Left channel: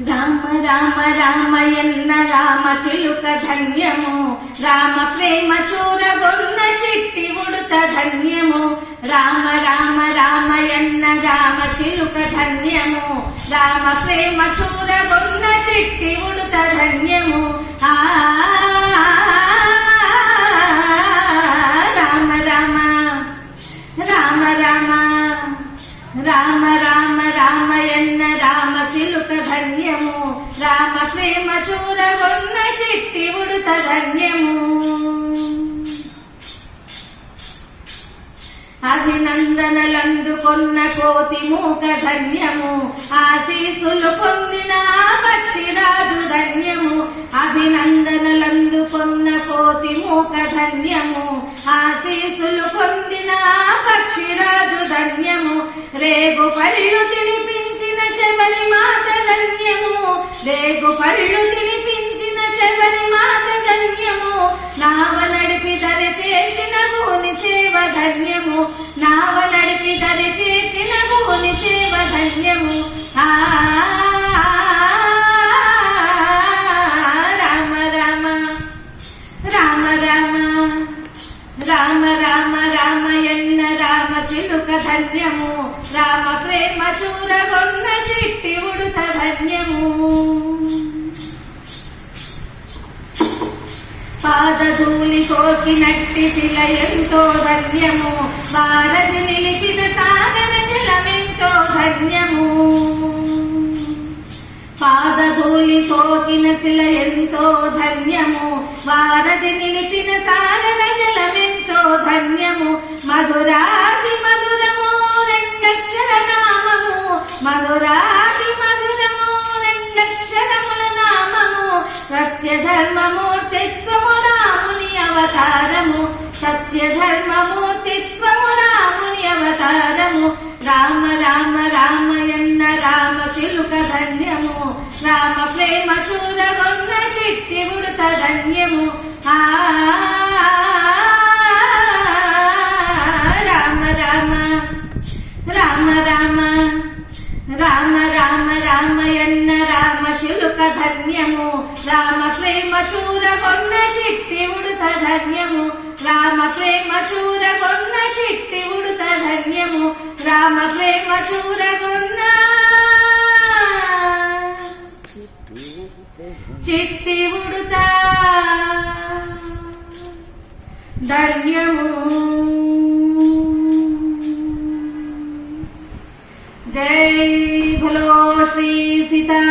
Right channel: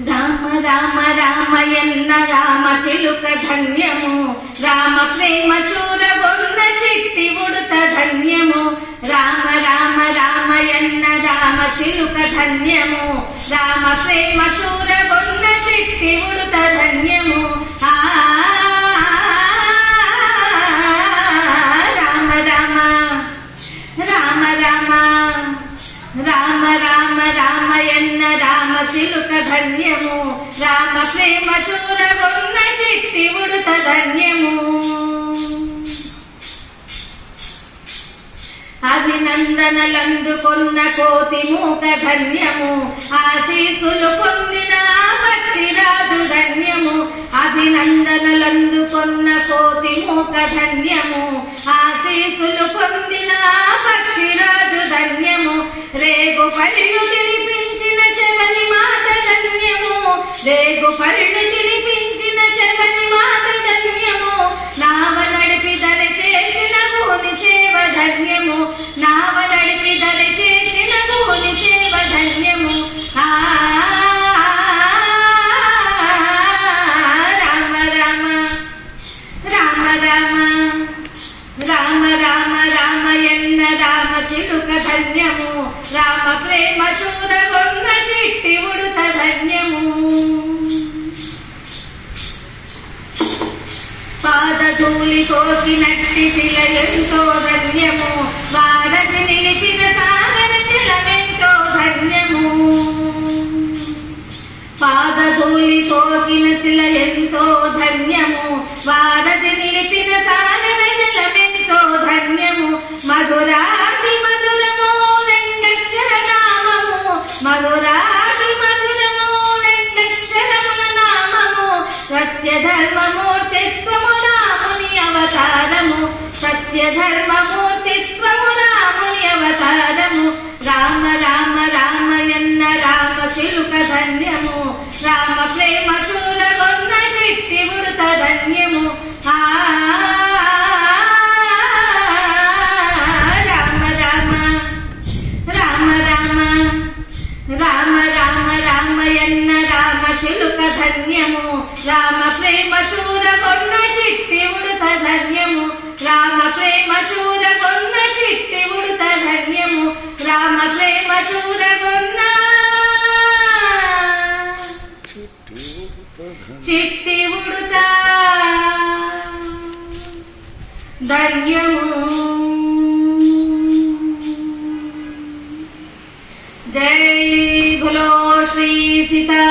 రామ రామ రామయన్న రామ చిలుక ధన్యము, రామ ప్రేమ చూరగొన్న చిట్టి ఉడుత ధన్యము. రామ రామ రామయన్న రామ చిలుక ధన్యము, రామ ప్రేమ చూరగొన్న చిట్టి ఉడుత ధన్యము. రామ రామ రామ రామ రామ రామ రామయన్న రామ చిలుక ధన్యము, రామ ప్రేమ చూరగొన్న చిట్టి ఉడుత ధన్యము. అభినందనలందుకొన్న కోతి మూక ధన్యము, ఆశీసులు పొందిన పక్షిరాజు ధన్యము. అభినందనలందుకొన్న కోతి మూక ధన్యము, ఆశీసులు పొందిన పక్షిరాజు ధన్యము. రేగు పళ్ళు తినిపించిన శబరి మాత ధన్యము, రేగు పళ్ళు తినిపించిన శబరి మాత ధన్యము. నావ నడిపి దరి చేసిన భూని సేవ ధన్యము, నావ నడిపి దరి చేసిన భూని సేవ ధన్యము. రామ రామ రామ రామ రామ రామ రామయన్న రామ చిలుక ధన్యము, రామ ప్రేమ చూరగొన్న చిట్టి ఉడుత ధన్యము. పాదధూళి సోకినట్టి శిల ఎంతో ధన్యము, వారధి నిలిచిన సాగర జలమెంతో ధన్యము. పాదధూళి సోకిన శిల ఎంతో ధన్యము, వారధి నిలిపిన సాగర జలమెంతో ధన్యము. మధురాది మధురము రెండక్షర నామము, మధురాది మధురము రెండక్షరముల నామము. సత్యధర్మమూర్తిత్వము రాముని అవతారము, సత్యధర్మమూర్తిత్వము రాముని అవతారము. రామ రామ రామయన్న రామ చిలుక ధన్యము, రామ ప్రేమ చూరగొన్న చిట్టి ఉడుత ధన్యము. రామ రామ రామ రామ రామ రామ రామయన్న రామ చిలుక ధన్యము, రామ ప్రేమ చూరగొన్న చిట్టి ఉడుత ధన్యము. రామ ప్రేమ చూరగొన్న చిట్టి ఉడుత ధన్యము, రామ ప్రేమ చూరగొన్న చిట్టి ఉడుత ధన్యము. జై భలో శ్రీ సీతా